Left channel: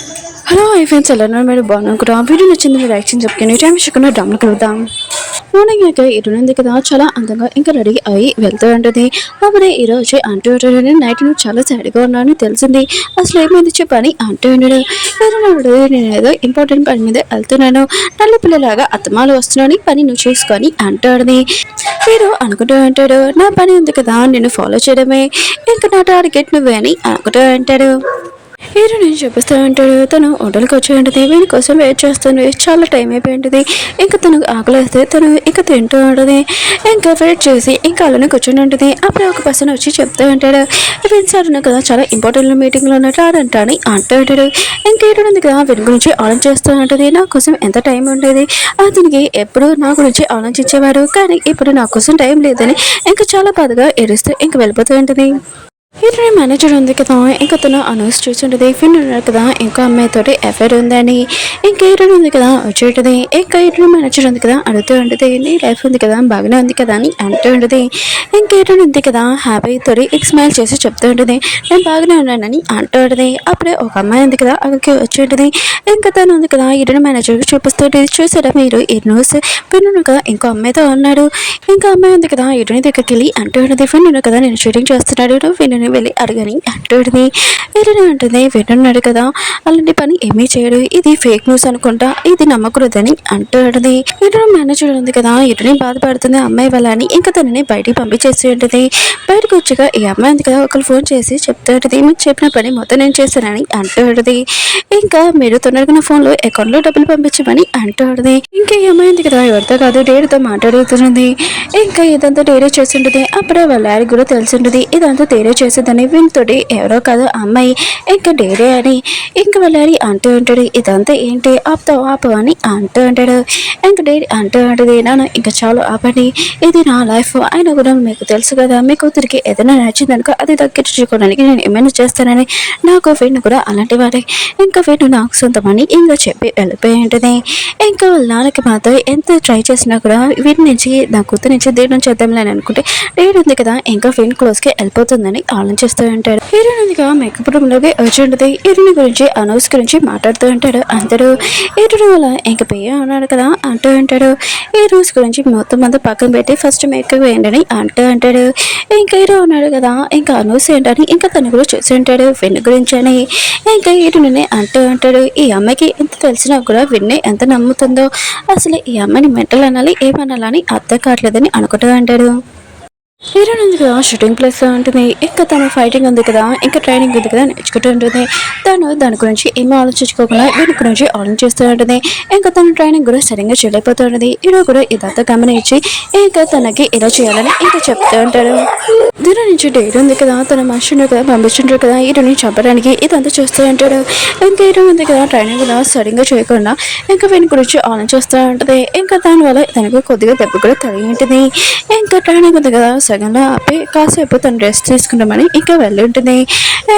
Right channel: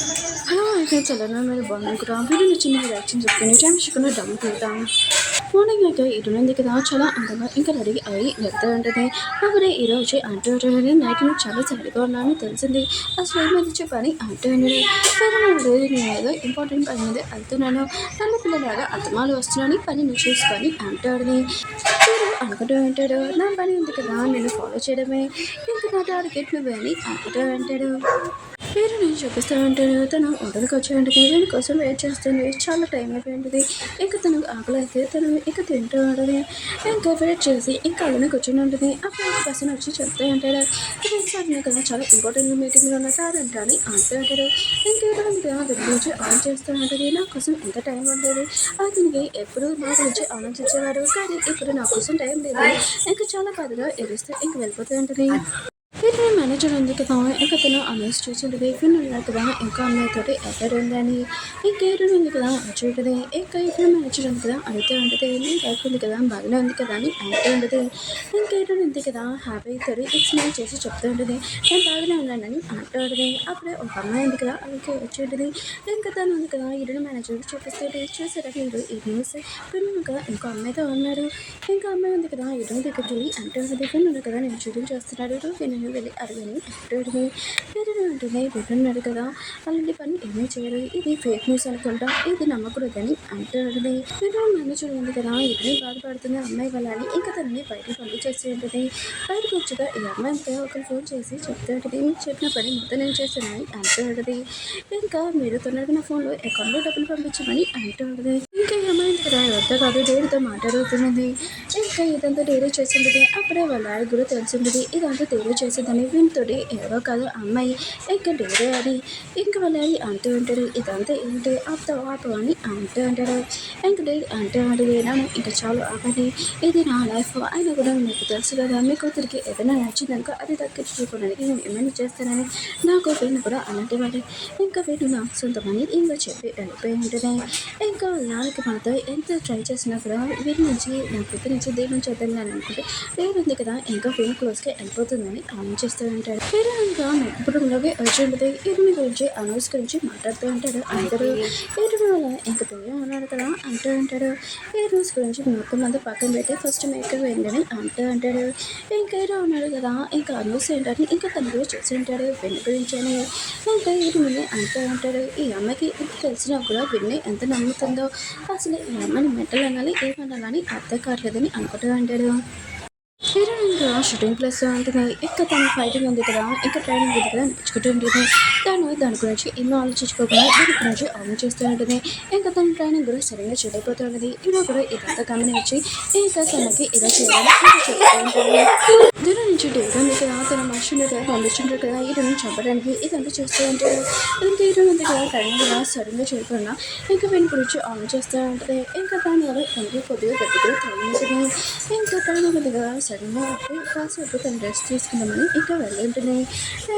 Hello hi friends ఎలా ఉన్నారు మీరు బాగున్నాను కూడా వీడియో నచ్చింది మీరు యాక్షన్ చెప్పుకొని టైం ఇష్టకుండా డ్రామా కలుద్దాం మార్నింగ్ ఇంకా ఇటునుంది కదా చాలా అందంగా ఇంకా రెడీ అయ్యి వెళ్తూ ఉంటుంది అప్పుడే ఈరోజు అంటూ ఉంటాడు నైట్ నువ్వు చాలా సాడ్గా ఉన్నాను తెలిసింది అసలు ఏమైంది చెప్పని అంటూ ఉన్నాడు నేను ఏదో ఇంపార్టెంట్ పని మీద వెళ్తున్నాను నల్ల పిల్లలాగా అత్తమాలు వస్తున్నాను పని నువ్వు చూసుకొని అంటాడని మీరు అనుకుంటూ ఉంటాడు నా పని ఉంది కదా నేను ఫాలో చేయడమే ఇంకా నా టార్గెట్ నువ్వే అని అనుకుంటూ ఉంటాడు హీరో నేను చూపిస్తూ ఉంటాడు తను హోటల్కి వచ్చి ఉంటుంది వీడి కోసం వెయిట్ చేస్తుంది చాలా టైం అయిపోయింటుంది ఇంకా తనకు ఆకలిస్తే తను ఇంకా తింటూ ఉంటుంది ఇంకా వెయిట్ చేసి ఇంకా అలానే కూర్చొని ఉంటుంది అప్పుడు ఒక పర్సన్ వచ్చి చెప్తూ ఉంటాడు సార్ కదా చాలా ఇంపార్టెంట్ మీటింగ్లో ఉన్నట్టు రాడంట అని అంటూ ఉంటాడు ఇంకా ఉంది కదా వీడి గురించి ఆలోచన చేస్తూ ఉంటుంది నా కోసం ఎంత టైం ఉండేది అతనికి ఎప్పుడు నా గురించి ఆలోచించేవాడు కానీ ఇప్పుడు నా కోసం టైం లేదని ఇంకా చాలా బాధగా ఏడుస్తూ ఇంకా వెళ్ళిపోతూ ఉంటుంది ఇతని మేనేజర్ ఉంది కదా ఇంకా తను అనౌన్స్ చూసింటుంది ఫిన్ ఉన్నారు కదా ఇంకా అమ్మాయితోటి ఎఫైర్ ఉందని ఇంకా ఇతను ఉంది కదా వచ్చేటది ఇంకా ఇతను మేనేజర్ ఉంది కదా అడుగుతూ ఉంటుంది నీ లైఫ్ ఉంది కదా బాగానే ఉంది కదా అని అంటూ ఉంటుంది ఇంకా ఇతను ఉంది కదా హ్యాపీ తోటి స్మైల్ చేసి చెప్తూ ఉంటుంది నేను బాగానే ఉన్నానని అంటూ ఉంటుంది అప్పుడే ఒక అమ్మాయి ఉంది కదా అక్కడికి వచ్చేటది ఇంకా తను ఉంది కదా ఇతను మేనేజర్కి చూపిస్తుంటే చూసారా మీరు ఈ న్యూస్ ఫిన్ కదా ఇంకో అమ్మాయితో ఉన్నాడు ఇంకా అమ్మాయి ఉంది కదా ఇతని దగ్గరికి వెళ్ళి అంటూ ఉంటుంది ఫిన్ కదా నేను షూటింగ్ చేస్తున్నాడు ఫిన్ వెళ్ళి అడగని అంటుంది వీళ్ళని అంటుంది వింటున్నాడు కదా అలాంటి పని ఏమీ చేయడు ఇది ఫేక్ న్యూస్ అనుకుంటా ఇది నమ్మకూడదని అంటుంది వీళ్ళు మేనేజర్ ఉంది కదా ఇటుని బాధపడుతుంది అమ్మాయి వల్ల అని ఇంకా తనని బయటికి పంపించేసి ఉంటుంది బయటకు వచ్చాక ఈ అమ్మాయి ఉంది కదా ఒకరు ఫోన్ చేసి చెప్తూ ఉంటుంది మీకు చెప్పిన పని మొత్తం నేను చేశానని అంటుంది ఇంకా మీరు తొందరగా నా ఫోన్లో అకౌంట్లో డబ్బులు పంపించమని అంటుంది ఇంకా ఈ అమ్మాయి ఉంది కదా ఎవరితో కాదు డేరీతో మాట్లాడుతుంది ఇంకా ఇదంతా డేరీ చేసి ఉంటుంది అప్పుడే వాళ్ళ డాడీ కూడా తెలిసి ఉంటుంది ఇదంతా డేరీ చేసేదని వీళ్ళతోటి ఎవరో కాదు అమ్మాయి ఇంకా డేరీ అని ఇంకా వెళ్ళాలి అంటూ ఉంటాడు ఇదంతా ఏంటి ఆపు అని అంటూ ఉంటాడు ఇంకా డేరీ అంటూ ఉంటుంది నాన్న ఇంకా చాలు ఆపండి ఇది నా లైఫ్ అయినా కూడా మీకు తెలుసు కదా మీ కూతురికి ఏదైనా నచ్చిందనుకో అది దక్కించుకోవడానికి నేను ఏమైనా చేస్తానని నాకు వీడిని కూడా అలాంటి వాడే ఇంకా వీడు నాకు సొంతమని ఇంకా చెప్పి వెళ్ళిపోయి ఉంటుంది ఇంకా వాళ్ళ నాన్నకి మాత్రం ఎంత ట్రై చేసినా కూడా వీటి నుంచి నా కూతురు నుంచి దీని చేద్దాంలేని అనుకుంటే డేరీ ఉంది కదా ఇంకా వీడిని క్లోజ్కి వెళ్ళిపోతుందని ఆలోచిస్తూ ఉంటాడు హీరోయిన్గా మేకప్ రూమ్లోకి వచ్చి ఉంటుంది హీరోయిన్ గురించి అనౌన్స్ గురించి మాట్లాడుతూ ఉంటాడు అందరూ హీరోయిన్ వల్ల ఇంకా పెయ్య ఉన్నాడు కదా అంటూ ఉంటాడు ఈ రోజు గురించి మొత్తం అంతా పక్కన పెట్టి ఫస్ట్ మేకప్ వేయండి అంటూ అంటాడు ఇంకా హీరో ఉన్నాడు కదా ఇంకా అనౌన్స్ ఏంటని ఇంకా తను కూడా చూసి ఉంటాడు విన్ గురించి అని ఇంకా హీరోని అంటూ ఉంటాడు ఈ అమ్మాయికి ఎంత తెలిసినా కూడా విన్నే ఎంత నమ్ముతుందో అసలు ఈ అమ్మాయిని మెంటల్ అనాలి ఏమనాలని అర్థం కావట్లేదని అనుకుంటూ అంటాడు హీరోయిన్ ఉంది కదా షూటింగ్ ప్లేస్లో ఉంటుంది ఇంకా తన ఫైటింగ్ ఉంది కదా ఇంకా ట్రైనింగ్ ఉంది కదా నేర్చుకుంటూ ఉంటుంది దాని గురించి ఏమీ ఆలోచించుకోకుండా దీని గురించి ఆలోచిస్తూ ఉంటుంది ఇంకా తన ట్రైనింగ్ కూడా సరిగ్గా చేయలేకపోతూ ఉంటుంది హీరో కూడా ఇదంతా గమనించి ఇంకా తనకి ఇలా చేయాలని ఇంకా చెప్తూ ఉంటాడు దీని నుంచి డేట్ ఉంది కదా తన మనుషుని కదా పంపించుంటారు కదా హీరోని చంపడానికి ఇదంతా చూస్తూ ఉంటాడు ఇంకా హీరో ఉంది కదా ట్రైనింగ్ కూడా సరిగ్గా చేయకుండా ఇంకా వీని గురించి ఆలోచిస్తూ ఉంటుంది ఇంకా దానివల్ల తనకు కొద్దిగా దెబ్బ కూడా తగిలి ఉంటుంది ఇంకా ట్రైనింగ్ ఉంది కదా సగంలో ఆపి కాసేపు తను రెస్ట్ తీసుకుంటామని ఇంకా వెళ్ళి ఉంటుంది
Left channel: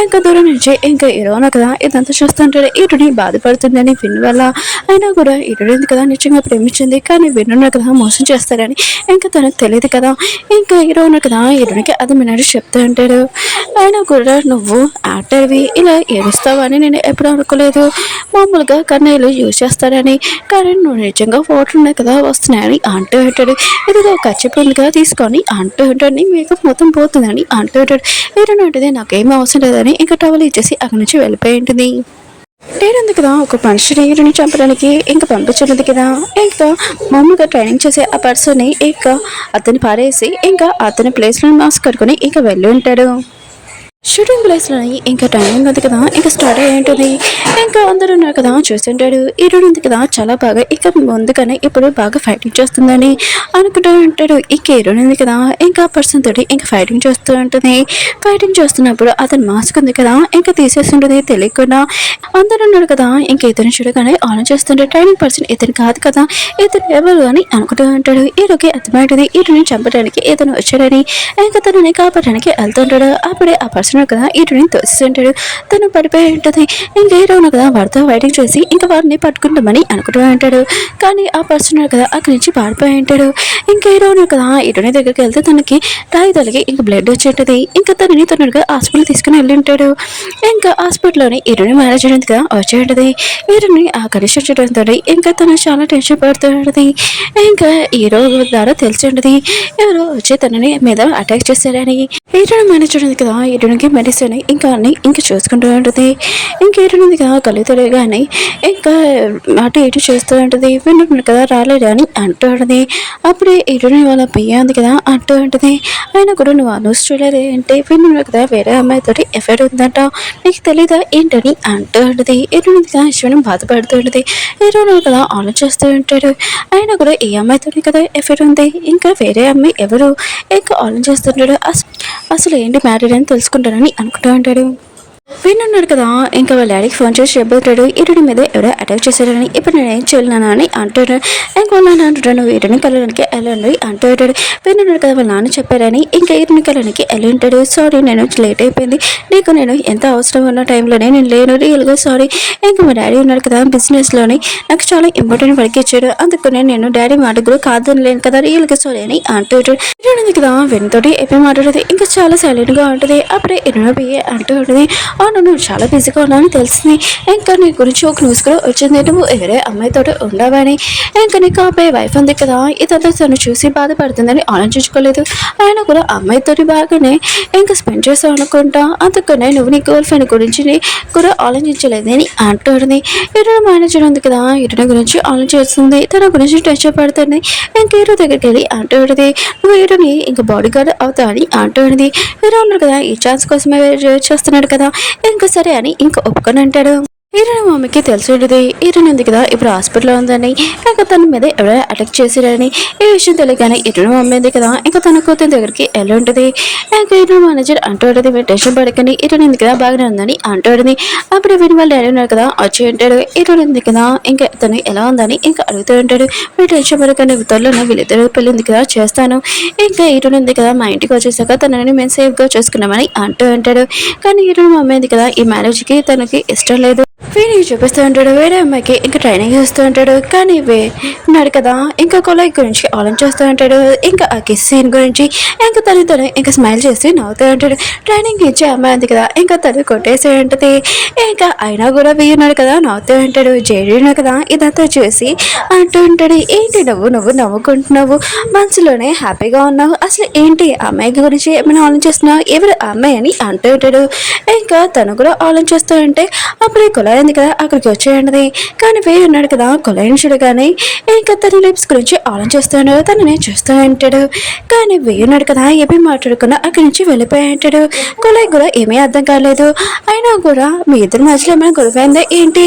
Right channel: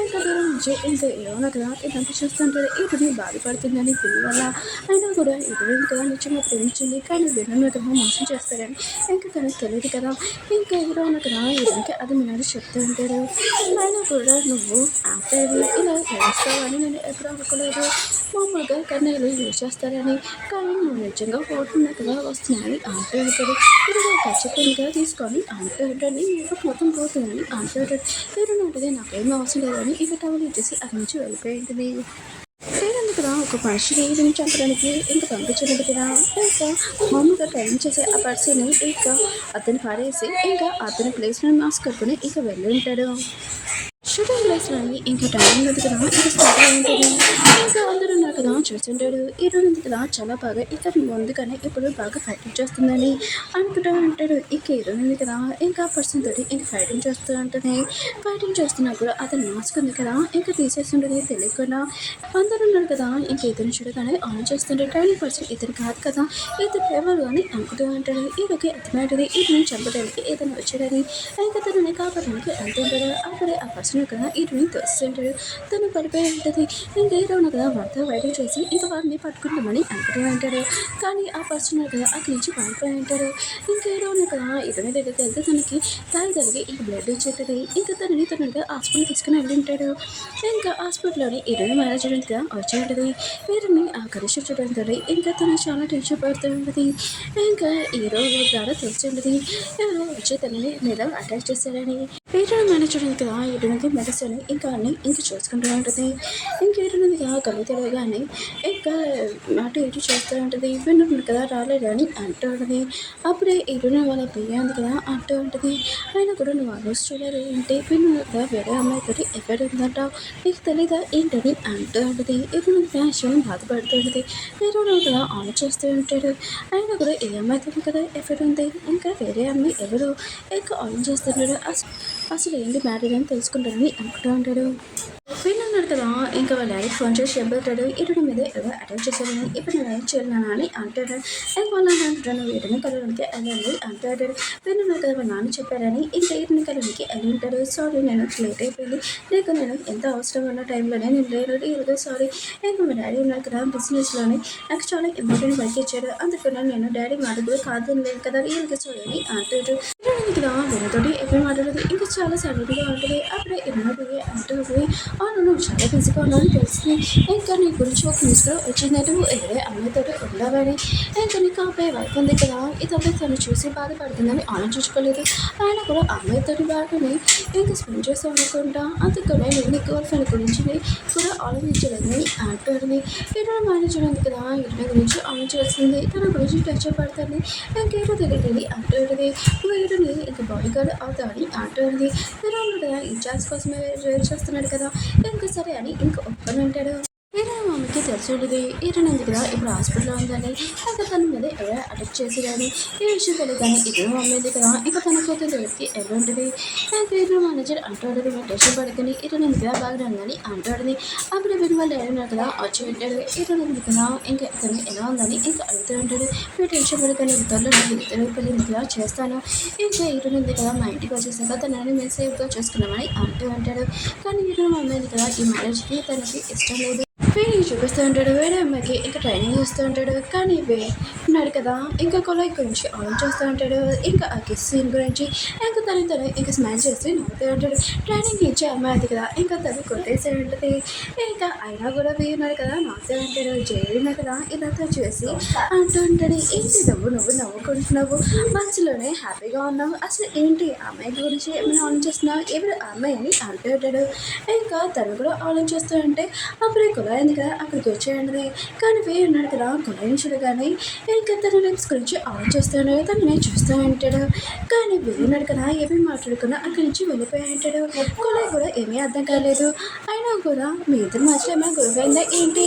ఇంకా దూరం నుంచి ఇంకా హీరోన కదా ఇదంతా చూస్తుంటాడు ఇటుని బాధపడుతుందని విన్ వల్ల అయినా కూడా ఇటుడింది కదా నిజంగా ప్రేమించింది కానీ విన్నున్న కదా మోసం చేస్తారని ఇంకా తనకు తెలియదు కదా ఇంకా హీరోన కదా ఇటునికి అది మినాడు చెప్తూ ఉంటాడు అయినా కూడా నువ్వు యాక్టర్వి ఇలా ఏడుస్తావని నేను ఎప్పుడు అనుకోలేదు మామూలుగా కన్నయ్యలు యూజ్ చేస్తారని కానీ నువ్వు నిజంగా ఫోటోలు ఉన్నాయి కదా వస్తున్నాయని అంటూ ఉంటాడు ఇదిగో ఖచ్చితంగా తీసుకొని అంటూ ఉంటాడు మేకప్ మొత్తం పోతుందని అంటూ ఉంటాడు ఏంటంటే నాకేం అవసరం లేదని ఇంకా టవల్ ఇచ్చేసి అక్కడి నుంచి వెళ్ళిపోయి ఉంటుంది లేదంది కదా ఒక మనిషిని హీరోని చంపడానికి ఇంకా పంపించున్నది కదా ఇంకా మామూలుగా ట్రైనింగ్ చేసే ఆ పర్సన్ని ఇంకా అతన్ని పారేసి ఇంకా అతని ప్లేస్లో మాస్క్ కట్టుకొని ఇంకా వెళ్ళి ఉంటాడు షూటింగ్ ప్లేస్లోని ఇంకా టైమింగ్ ఉంది కదా ఇంకా స్టార్ట్ అయ్యి ఉంటుంది ఇంకా అందరూ ఉన్నారు కదా చూస్తుంటాడు హీరోయిన్ ఉంది కదా చాలా బాగా ఇక ముందుగానే ఇప్పుడు బాగా ఫైటింగ్ చేస్తుందని అనుకుంటూ ఉంటాడు ఇక హీరోయిన్ ఉంది కదా ఇంకా పర్సన్ తోటి ఇంకా ఫైటింగ్ చేస్తూ ఉంటుంది ఫైటింగ్ చేస్తున్నప్పుడు అతను మాస్క్ ఉంది కదా ఇంకా తీసేస్తుంటుంది తెలియకుండా అందరూ ఉన్నాడు కదా ఇంకా ఇతను చూడగానే ఆలోచిస్తుంటే ట్రైనింగ్ పర్సన్ ఇతను కాదు కదా ఇతను ఎవరు అని అనుకుంటూ ఉంటాడు హీరోకి అర్థమవుతుంది హీరోని చంపడానికి ఇతను వచ్చాడని ఇంకా తనని కాపాడడానికి వెళ్తుంటాడు అప్పుడే ఆ పర్సన్ పర్సన్ కదా హీరోని తోస్తుంటాడు. తను పడిపోయి ఉంటుంది. ఇంకా హీరో కదా వారితో ఫైటింగ్ చేసి ఇంకా వారిని పట్టుకుంటామని అనుకుంటూ ఉంటాడు. కానీ ఆ పర్సన్ కదా అక్కడి నుంచి పారిపోయి ఉంటాడు. ఇంకా హీరో కదా హీరోని దగ్గరికి వెళ్తే తనకి రాయి తలిగి ఇంకా బ్లడ్ వచ్చేటది. ఇంకా తనని తొందరగా హాస్పిటల్ తీసుకుని వెళ్ళి ఉంటాడు. ఇంకా హాస్పిటల్లోని హీరోని మేనేజర్ గా వచ్చి ఉంటుంది. హీరోని ఆ కండిషన్ చూడడంతో ఇంకా తను చాలా టెన్షన్ పడుతూ ఉంటుంది. ఇంకా హీరో ద్వారా తెలిసి ఉంటుంది ఎవరో వచ్చి తనని మీద అటాక్ చేశారని. హీరోని మేనేజర్ ఉంది కదా హీరోనికి మెడిసిన్ ఇంకా అన్ని ఇంకా చూసుకుంటూ ఉంటుంది. ఇంకా హీరోని కదా కళ్ళు తెలియగానే ఇంకా అటు ఇటు చేస్తూ ఉంటుంది. వింటున్నాడు కదా రాలేదు అని అంటూ ఉంటుంది. అప్పుడే హీరోని వాళ్ళ పియ్య ఉంది కదా అంటూ ఉంటుంది. అయినా కూడా నువ్వు న్యూస్ చూడలే అంటే వింటున్నాడు కదా వేరే అమ్మాయితో ఎఫెక్ట్ ఉందంట నీకు తెలీదా ఏంటని అంటూ ఉంటుంది. హీరోని కదా ఇష్టం బాధపడుతూ ఉంటుంది. హీరోని కదా ఆలోచిస్తూ ఉంటాడు. అయినా కూడా ఈ అమ్మాయితో కదా ఎఫెక్ట్ ఉంది ఇంకా వేరే అమ్మాయి ఎవరు ఇంకా ఆలోచిస్తుంటాడు. అసలు ఏంటి మ్యాటర్ అని తెలుసుకుంటానని అనుకుంటూ ఉంటాడు. విన్నాడు కదా ఇంకా వాళ్ళ డాడీకి ఫోన్ చేసి చెప్పబోతాడు ఇరుడి మీద ఎవరో అటాక్ చేశాడని. ఇప్పుడు నేను ఏం చేయలేనా అని అంటాడు. ఇంకా వాళ్ళ నాన్న అంటాడు నువ్వు ఇరుని కలడానికి వెళ్ళండి అంటాడు. విన్నాడు కదా వాళ్ళ నాన్న చెప్పారని ఇంకా ఇరుని కలడానికి వెళ్ళి ఉంటాడు. సారీ నేను లేట్ అయిపోయింది నీకు నేను ఎంత అవసరం ఉన్న టైంలోనే నేను లేను రియల్గా సారీ. ఇంకా మా డాడీ ఉన్నాడు కదా బిజినెస్లోని నాకు చాలా ఇంపార్టెంట్ వర్క్ ఇచ్చాడు అందుకనే నేను డాడీ మాట కూడా కాదని లేను కదా రియల్గా సారీ అని అంటాడు. ఇరుడి కదా వెనుతోటి ఎప్పుడు మాట్లాడేది ఇంకా చాలా సైలెంట్గా ఉంటుంది. అప్పుడే ఇరుని పోయి అంటూ ఉంటుంది నువ్వు చాలా బిజీగా ఉన్నావని తెలిసింది. ఇంకా నీ గురించి ఒక న్యూస్ కూడా వచ్చింది నువ్వు వేరే అమ్మాయితో ఉండవని. ఇంకా నీకు అబ్బాయి వైఫ్ ఉంది కదా ఇదంతా తను చూసి బాధపడుతుందని ఆలోచించుకోలేదు. ఆయన కూడా అమ్మాయితో బాగానే ఇంకా స్పెండ్ చేస్తావు అనుకుంటా అందుకనే నువ్వు నీ గర్ల్ ఫ్రెండ్ గురించి కూడా ఆలోచించలేదని అంటుంది. ఇరు మేనేజర్ ఉంది కదా ఇరుని గురించి ఆలోచిస్తుంది తన గురించి టెన్షన్ పడుతుంది. ఇంకా ఇరు దగ్గరికి వెళ్ళి అంటుంది నువ్వు ఇరుని ఇంకా బాడీ గార్డ్ అవుతా అని అంటుంది. ఇరు ఉన్నారు కదా ఈ ఛాన్స్ కోసమే చేస్తున్నాడు కదా ఇంకా సరే అని ఇంకా ఒప్పుకొని అంటాడు. హీరోని మమ్మీకి తెలిసి ఉంటుంది హీరోని ఉంది కదా ఇప్పుడు హాస్పిటల్లో ఉందని ఇంకా తన మీద ఎవరైనా అటాక్ చేసిరని. ఈ విషయం తెలియగానే హీరోని మమ్మీ ఉంది కదా ఇంకా తన కూతురు దగ్గరికి వెళ్ళి ఉంటుంది. ఇంకా హీరో మేనేజర్ అంటూ ఉంటుంది మీరు టెన్షన్ పడకండి హీరోని ఉంది కదా బాగానే ఉందని అంటూ ఉంటుంది. అప్పుడు వీరి వాళ్ళు డాడీ ఉన్నారు కదా వచ్చి ఉంటాడు. హీరోని ఉంది కదా ఇంకా తను ఎలా ఉందని ఇంకా అడుగుతూ ఉంటాడు. మీరు టెన్షన్ పడకండి త్వరలో వీళ్ళిద్దరు పెళ్ళి ఉంది కదా చేస్తాను. ఇంకా హీరోని ఉంది కదా మా ఇంటికి వచ్చేసాక తనని మేము సేఫ్గా చూసుకున్నామని అంటూ ఉంటాడు. కానీ హీరోని మమ్మీ ఉంది కదా ఈ మ్యారేజ్కి తనకి ఇష్టం లేదు. వీడికి చూపిస్తూ ఉంటాడు వేరే అమ్మాయికి ఇంకా ట్రైనింగ్ ఇస్తూ ఉంటాడు. కానీ ఉన్నాడు కదా ఇంకా కొలాయి గురించి ఆలోచిస్తూ ఉంటాడు. ఇంకా ఆ కిస్ సీన్ గురించి ఇంకా తను ఇంకా స్మైల్ చేసి నవ్వుతూ ఉంటాడు. ట్రైనింగ్ ఇచ్చే అమ్మాయి ఉంది కదా ఇంకా తను కొట్టేసి ఉంటుంది. ఇంకా అయినా కూడా ఉన్నాడు కదా నవ్వుతూ ఉంటాడు. జేడీను కదా ఇదంతా చూసి అంటూ ఉంటాడు ఏంటి నువ్వు నవ్వుకుంటున్నావు మనసులోనే హ్యాపీగా ఉన్నావు అసలు ఏంటి అమ్మాయి గురించి ఏమైనా ఆలోచిస్తున్నావు ఎవరు అమ్మాయి అని అంటూ ఉంటాడు. ఇంకా తను కూడా ఆలోచిస్తూ ఉంటే అప్పుడు కొలాయి ఉంది కదా అక్కడికి వచ్చేయండి. కానీ ఉన్నాడు కదా కొలాయిని చూడగానే ఇంకా తన లిప్స్ గురించి ఆలోచిస్తాడు తనని చూస్తూ ఉంటాడు. కానీ ఉన్నాడు కదా ఏమీ మాట్లాడుకున్నా అక్కడి నుంచి వెళ్ళిపోయి ఉంటాడు. కొలాయి కూడా ఏమీ అర్థం కాలేదు. అయినా కూడా మీ ఇద్దరి మధ్యలో ఏమైనా గొడవైందా ఏంటి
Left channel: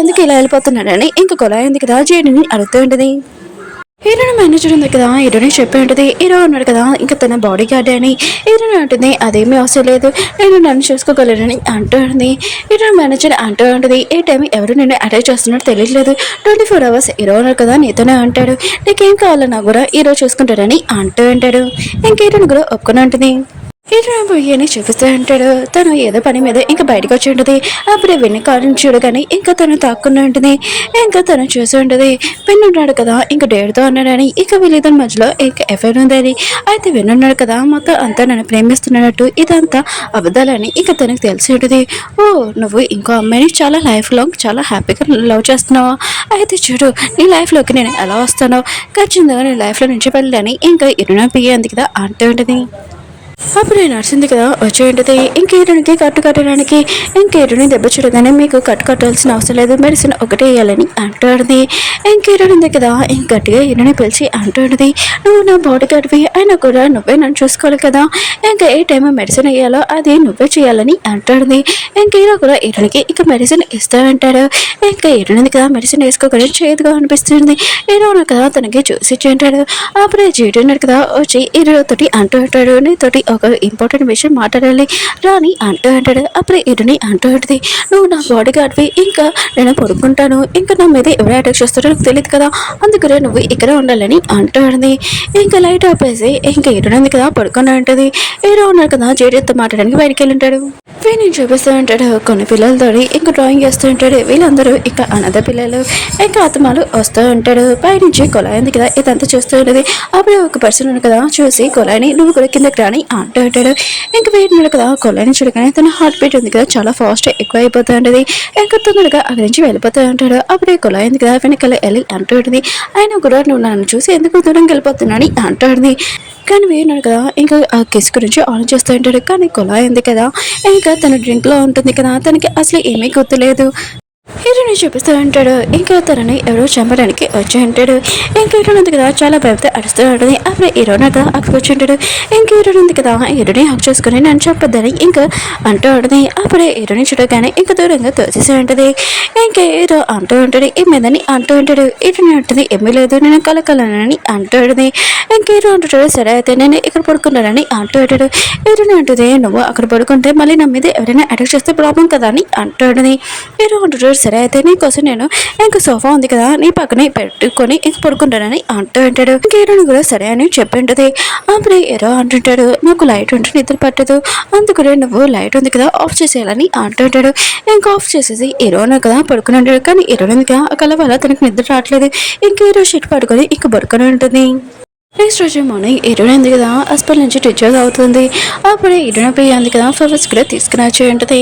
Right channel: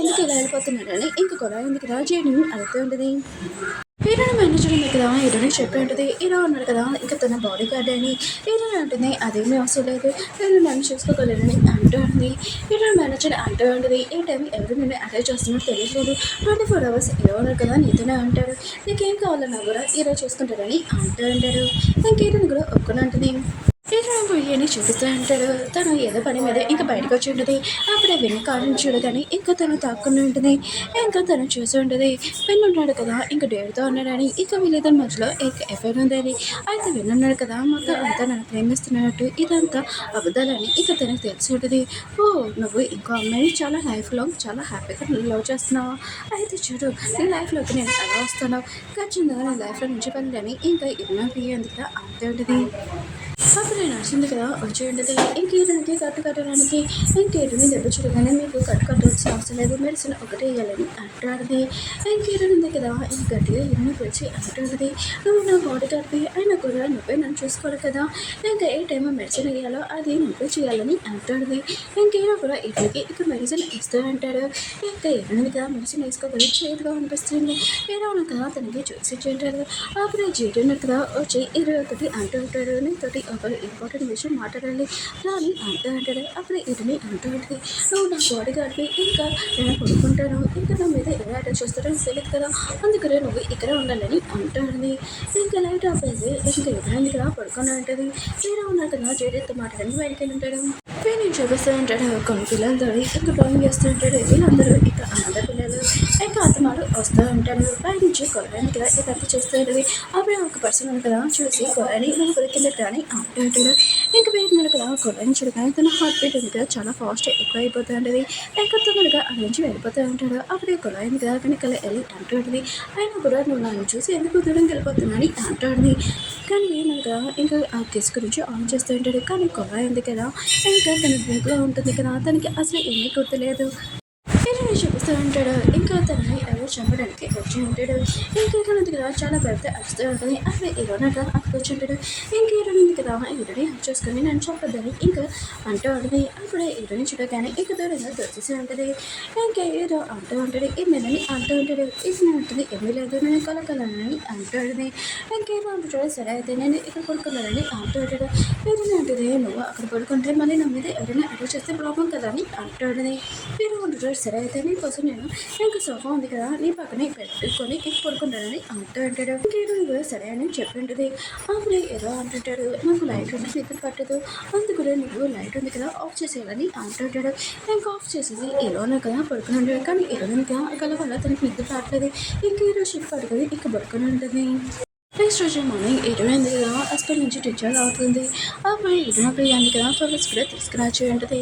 ఎందుకు ఇలా వెళ్ళిపోతున్నాడని ఇంకా కొలాయి ఉంది కదా జేడీని అడుగుతూ ఉంటుంది. హీరోని మేనేజర్ ఉంది కదా హీరోని చెప్పి ఉంటుంది హీరో ఉన్నాడు కదా ఇంకా తన బాడీ గార్డ్ అని. హీరోని అంటుంది అదేమీ అవసరం లేదు నేను నన్ను చూసుకోగలనని అంటుంది. హీరోని మేనేజర్ అంటూ ఉంటుంది ఏ టైం ఎవరు నేను అటాక్ చేస్తున్నట్టు తెలియట్లేదు 24 hours హీరో ఉన్నాడు కదా నీతోనే అంటాడు నీకేం కావాలన్నా కూడా హీరో చూసుకుంటాడని అంటూ ఉంటాడు. ఇంక హీరోని కూడా ఒప్పుకొని ఉంటుంది. హీరోని చూపిస్తూ ఉంటాడు. తను ఏదో పని మీద ఇంకా బయటకు వచ్చి ఉంటుంది. అప్పుడే వెన్ను కారుని చూడగానే ఇంకా తను తాక్కుని ఉంటుంది. ఇంకా తను చూసి ఉంటుంది ఉన్నాడు కదా ఇంకా డేడుతో ఉన్నాడని ఇక వీళ్ళిద్దరి మధ్యలో ఇంకా ఎఫ్ఐఆర్ ఉందని. అయితే ఉన్నాడు కదా మొత్తం అంతా నన్ను ప్రేమిస్తున్నట్టు ఇదంతా అబద్ధాలని ఇక తనకు తెలిసి ఉంటుంది. ఓ నువ్వు ఇంకో అమ్మాయిని చాలా లైఫ్ లాంగ్ చాలా హ్యాపీగా లవ్ చేస్తున్నావా అయితే చూడు నీ లైఫ్లోకి నేను ఎలా వస్తానో ఖచ్చితంగా నీ లైఫ్లో నుంచి వెళ్ళని ఇంకా ఇరునా పియ్యంది కదా అంటూ ఉంటుంది. అప్పుడు నడిచింది కదా వచ్చి ఉంటుంది. ఇంకేరునికి కట్టు కట్టడానికి ఇంకేరుని దెబ్బ చూడగానే మీకు కట్టు కట్టాల్సిన అవసరం లేదు మెడిసిన్ ఒకటే వేయాలని అంటాడుది. ఇంకేరుంది కదా ఇంక గట్టిగా ఇరుని పిలిచి అంటాడుది నువ్వు నా బాడీ గార్డ్వి అయినా కూడా నువ్వే నన్ను చూసుకోవాలి కదా ఇంకా ఏ టైం మెడిసిన్ వేయాలో అది నువ్వే చేయాలని అంటాడుది. ఇంకేరో కూడా ఇరునికి ఇక మెడిసిన్ ఇస్తూ ఉంటాడు. ఇంకా ఇరునింది కదా మెడిసిన్ వేసుకోకుండా చేదుగా అనిపిస్తుంది. ఏదో కదా తనకి చూసి ఉంటాడు. అప్పుడే జీడున్నాడు కదా వచ్చి ఇరుతోటి అంటూ ఉంటాడు నీతోటి ఒక ఇంపార్టెంట్ విషయం మాట్లాడాలి రాని అంటూ అంటాడు. అప్పుడే ఇరుని అంటూ ఉంటుంది, నువ్వు నా బాడీ గార్డ్వి, ఇంకా నేను పడుకుంటాను, ఇంకా నా మీద ఎవరు అటాక్ చేస్తారో నాకు తెలియదు కదా, అందుకనే నువ్వు ఇక్కడ ఉండాలని అంటూ ఉంటుంది. ఇంకా లైట్ ఆపేసి ఇంకా ఇరునంది కదా పడుకుని ఉంటుంది. ఏదో ఉన్నారు కదా జేడీతో మాట్లాడడానికి బయటికి వెళ్ళి ఉంటాడు. వీడిని చూపిస్తూ ఉంటాడు కొన్ని పిల్లలతో ఇంకా డ్రాయింగ్ చేస్తూ ఉంటాడు. వీళ్ళందరూ ఇంకా అనాథ పిల్లలు. ఇంకా ఆత్మలు వస్తూ ఉంటాడు. పైనుంచి కొలాయి ఉంది కదా ఇదంతా చూస్తూ ఉంటుంది. అప్పుడు ఒక పర్సన్ ఉంది కదా చూసి కొలాయిని నువ్వు కూడా కిందకి రాని అంటూ ఉంటాడు. ఇంకా వీడిని కదా కొలాయిని చూడగానే తన హార్ట్ బీట్ ఉంది కదా చాలా ఫాస్ట్ ఎక్కువ అయిపోతూ ఉంటుంది. ఇంకా తొందరగా అక్కడి నుంచి వెళ్ళిపోతూ ఉంటాడు. అప్పుడే కొలాయి ఉంది కదా వెనకాల వెళ్ళి అంటూ ఉంటుంది, ఆయన కూడా నువ్వు నన్ను చూసి ఎందుకు దూరం వెళ్ళిపోతున్నాని అంటూ ఉంటుంది. కానీ వేయనాడు కదా ఇంకా ఆ కిస్ గురించి ఆలోచిస్తూ ఉంటాడు. కానీ కొలాయి ఉంది కదా ఇంకా తన డ్రింక్లో ఉంటుంది కదా తనకి అసలు ఏమీ గుర్తులేదు. హీరోని చూపిస్తూ ఉంటాడు. ఇంకా తనని ఎవరో చంపడానికి వచ్చి ఉంటాడు. ఇంకా హీరోని ఉంది కదా చాలా భయపడితే అడుస్తూ ఉంటుంది. అప్పుడు హీరోని కదా అక్కడికి వచ్చి ఉంటాడు. ఇంకా హీరోని ఉంది కదా హీరోని హక్ చేసుకుని నన్ను చంపద్దని ఇంకా అంటూ ఉంటుంది. అప్పుడే హీరోని చూడగానే ఇంకా దూరంగా తోచేసి ఉంటుంది. ఇంకా హీరో అంటూ ఉంటాడు ఏమైందని అంటూ ఉంటాడు. హీరోని అంటుంది ఏమీ లేదు నేను కలకలనని అంటూ ఉంటుంది. ఇంకా హీరో అంటుంటాడు సరే అయితే నేను ఇక్కడ పడుకున్నానని అంటూ ఉంటాడు. హీరోని అంటుంది నువ్వు అక్కడ పడుకుంటే మళ్ళీ నా మీద ఎవరైనా అటాక్ చేస్తే ప్రాబ్లం కదా అని అంటూ ఉంటుంది. హీరో అంటుంటాడు సరే అయితే నీకోసం నేను ఇంకా సోఫా ఉంది కదా నీ పక్కనే పెట్టుకొని ఇంక పడుకుంటానని అంటూ ఉంటాడు. ఇంకా హీరోని కూడా సరే అని చెప్పి ఉంటుంది. అప్పుడు హీరో అంటుంటాడు నాకు లైట్ ఉంటే నిద్ర పట్టదు, అందుకనే నువ్వు లైట్ ఉంది కదా ఆఫ్ చేసేయాలని అంటూ ఉంటాడు. ఇంకా ఆఫ్ చేసేసి హీరోని కదా పడుకుని ఉంటాడు. కానీ హీరోని కదా కల వల్ల తనకి నిద్ర రావట్లేదు. ఇంకా హీరో షీట్ పడుకొని ఇంక పడుకొని ఉంటుంది. నెక్స్ట్ రోజు మార్నింగ్ హీరోయిన్ ఉంది కదా హాస్పిటల్ నుంచి డిశ్చార్జ్ అవుతుంది. అప్పుడే హీరోయిన్ పోయి ఉంది కదా ఫ్లవర్స్ కూడా తీసుకుని వచ్చి ఉంటుంది.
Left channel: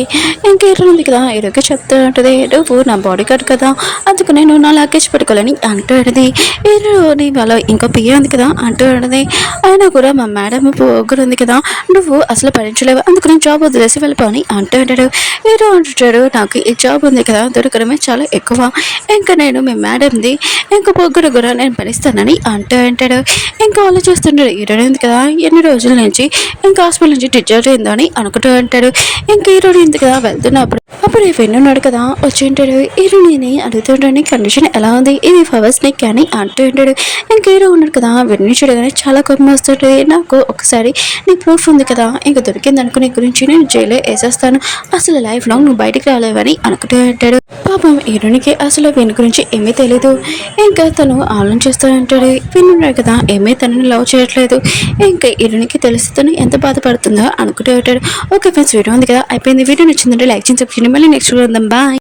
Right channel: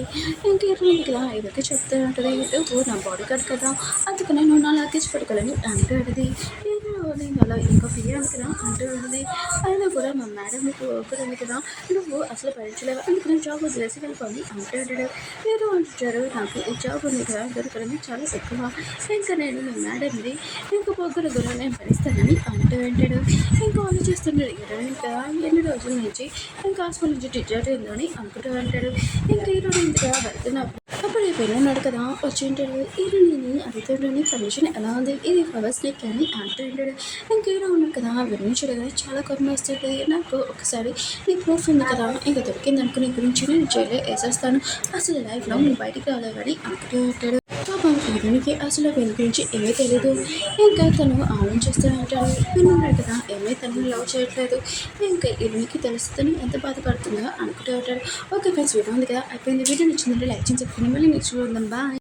ఇంకా హీరోయిన్ ఉంది కదా హీరోకి చెప్తూ ఉంటుంది నువ్వు నా బాడీ గార్డ్ కదా అందుకు నేను నా లగేజ్ పెట్టుకోవాలని అంటూ ఉంటుంది. హీరోని వాళ్ళ ఇంకో పియ్య ఉంది కదా అంటూ ఉంటుంది. అయినా కూడా మా మేడం పొగరు ఉంది కదా నువ్వు అసలు భరించలేవు అందుకు నేను జాబ్ వదిలేసి వెళ్ళిపోని అంటూ ఉంటాడు. హీరో అంటుంటాడు నాకు ఈ జాబ్ ఉంది కదా దొరకడమే చాలా ఎక్కువ, ఇంకా నేను మీ మేడంది ఇంకా పొగరు కూడా నేను భరిస్తానని అంటూ ఉంటాడు. ఇంకా ఆలోచిస్తుంటాడు హీరోయిన్ కదా ఎన్ని రోజుల నుంచి ఇంకా హాస్పిటల్ నుంచి డిశ్చార్జ్ అయిందని అనుకుంటూ ఉంటాడు. ఇంకా హీరోయిన్ కదా వెళ్తున్నప్పుడు అప్పుడు వెన్నున్నాడు కదా వచ్చి ఉంటాడు. హీరోయిన్ అడుగుతుంటాడు కండిషన్ ఎలా ఉంది ఇది ఫవర్స్ నెక్ అని అంటూ ఉంటాడు. ఇంకా హీరో ఉన్నాడు కదా వెన్ను చూడగానే చాలా కోపం వస్తుంటుంది. నాకు ఒకసారి నీ ప్రూఫ్ ఉంది కదా ఇంకా దొరికింది అనుకో నీ గురించి నేను జైల్లో వేసేస్తాను, అసలు లైఫ్ లాంగ్ నువ్వు బయటికి రాలేవని అనుకుంటూ ఉంటాడు. పాపం హీరోనికి అసలు వెన్ను గురించి ఏమీ తెలీదు. ఇంకా తను ఆలోచిస్తూ ఉంటాడు విన్నాడు కదా ఏమీ తనని లవ్ చేయట్లేదు. ఇంకా హీరోనికి తెలిసి తను ఎంత బాధపడుతుందో అనుకుంటూ ఉంటాడు. ఓకే ఫ్రెండ్స్ వీడియో ఉంది కదా అయిపోయింది. వీడియో నచ్చిందంటే లైక్ చేసి సబ్స్క్రైబ్ మళ్ళీ నెక్స్ట్ వీడియో ఉందాం బాయ్.